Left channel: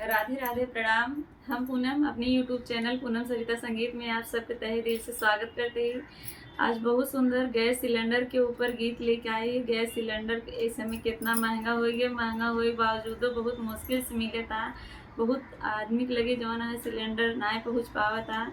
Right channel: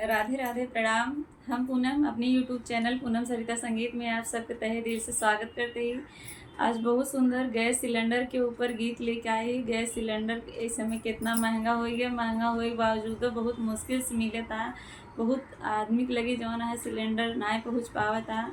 राधे राधे, प्रणाम। हम पूनम अपनी यूट्यूब चैनल पूनम सरिता संगीत में आप सबके तहे दिल से स्वागत करते हैं। आज बहुत सुंदर गैस सिलेंडर के ऊपर गीत लेके आई। गैस सिलेंडर इस समय कितना महंगा हो गया, महंगा हुए बावजूद बहुत मुश्किल से मिले था। बहुत आदमी के लगे जौन है सिलेंडर ना पहुँच पावा था,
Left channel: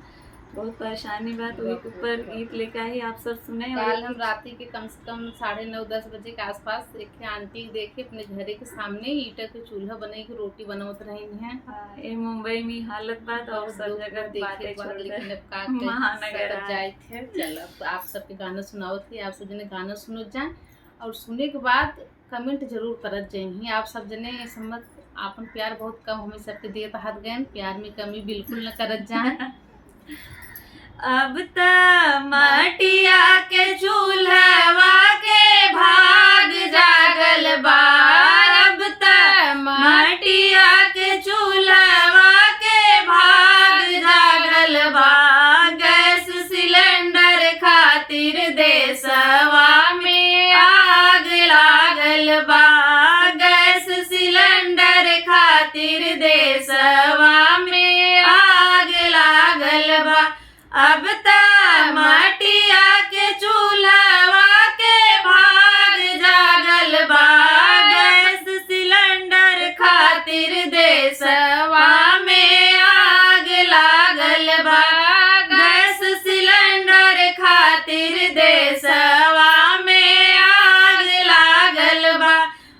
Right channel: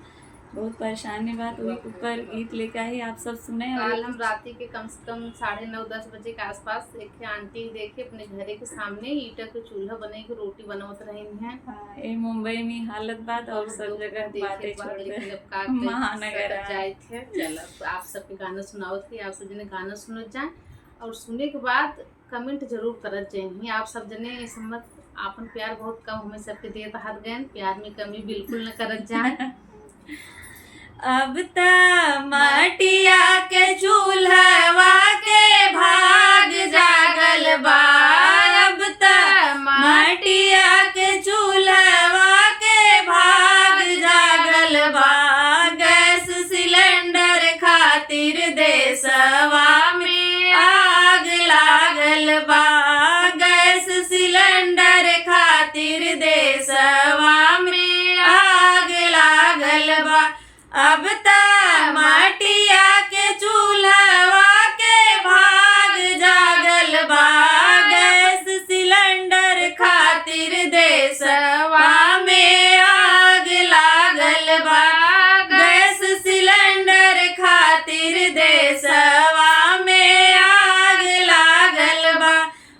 बहुत परेशानी बात वही के ऊपर गीत लेके आई। आप सब सुने। कल हम रात के कम से कम 9:30-10 बजे के आसपास एक आंटी देखे अपने घरे के सामने ईटा के चूल्हा बने के रोटी बनावत रही हैं। ये मुंबई में हालत बात और सब जगह बातें छोड़ दे महानगर जाए थे। चलो आप सबके गाना सुनाओ थे, आप सब जने गाना सुनत जाए और सुने के बाद कमेंट जरूर करत जाए। आप सब जने समझ आपन प्यार बहुत कम हमें सबके देत हाथ गए, प्यार में कमी बिल्कुल न करत जाए। अब त मटिया के चूल्हवा के भाग जागल बा। अब त मटिया के चूल्हवा के भाग जागल बा। गैस सिलेंडर खातिर देशवा में आग लागल बा। गैस सिलेंडर खातिर देशवा में आग लागल बा। अब त मटिया के चूल्हवा के भाग जागल बा। गैस सिलेंडर खातिर देशवा में आग लागल बा। गैस सिलेंडर खातिर देशवा में आग लागल बा।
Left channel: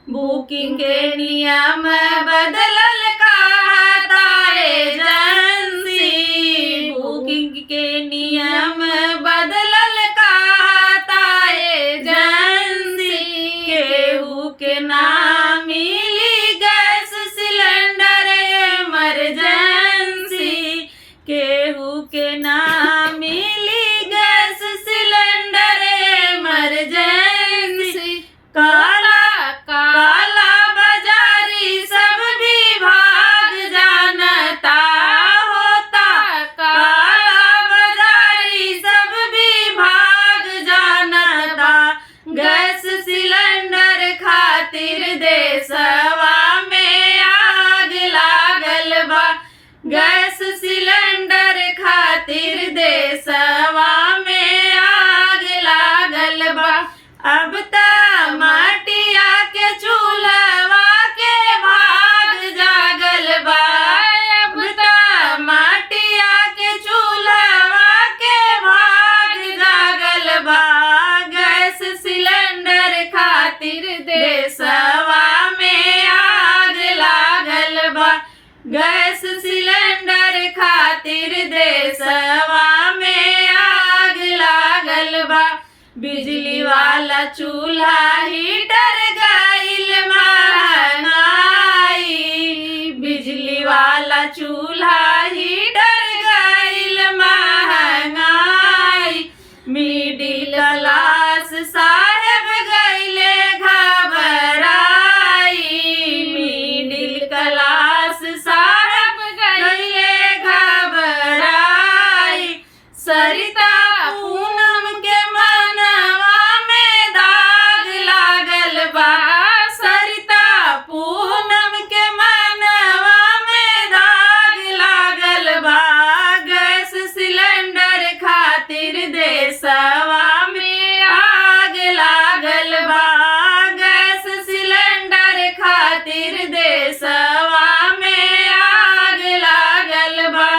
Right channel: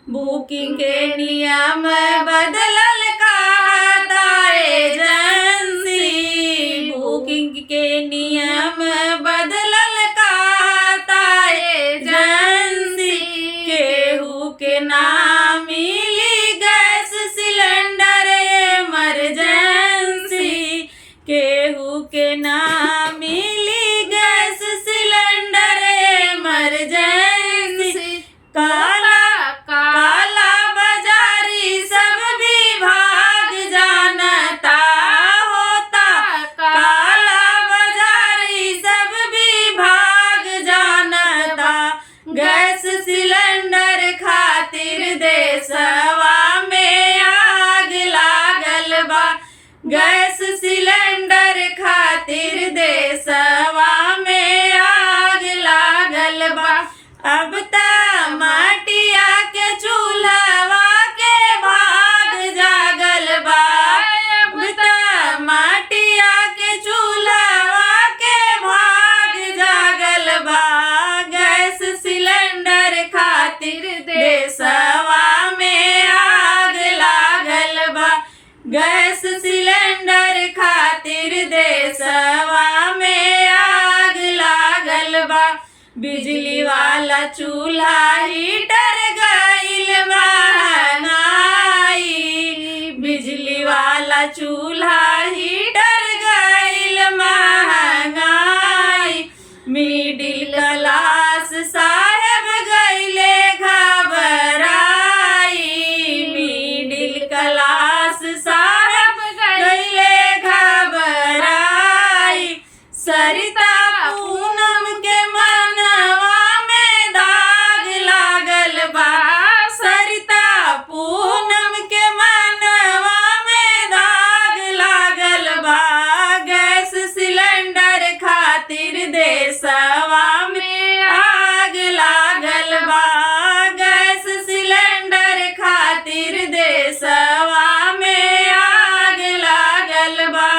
बुकिंग के नियम बदलल कहता एजेंसी। बुकिंग के नियम बदलल कहता एजेंसी। केहू के ना मिली गैस सिलेंडर इमरजेंसी। केहू के ना मिली गैस सिलेंडर इमरजेंसी। काला काला बाजारी सब भी भाग जानता होता। काला बाजारी सब भी भाग जानता। गैस सिलेंडर खातिर देशवा में आग लागल बा। गैस सिलेंडर खातिर देशवा में आग लागल बा। अब त मटिया के चूल्हवा के भाग जागल बा। अब त मटिया के चूल्हवा के भाग जागल बा। गैस सिलेंडर खातिर देशवा में आग लागल बा। गैस सिलेंडर खातिर देशवा में आग लागल बा। बिजली वाला चूल्हा हीटर गइल महंगाई। बिजली वाला चूल्हा हीटर गइल महंगाई। मिडिल क्लास साहेब गइले घबराई। मिडिल क्लास साहेब गइले घबराई। सरिता पूनम के मनवा में दाग लागल बा। सरिता पूनम के मनवा में दाग लागल बा। गैस सिलेंडर खातिर देशवा में आग लागल बा। गैस सिलेंडर खातिर देशवा में आग लागल बा।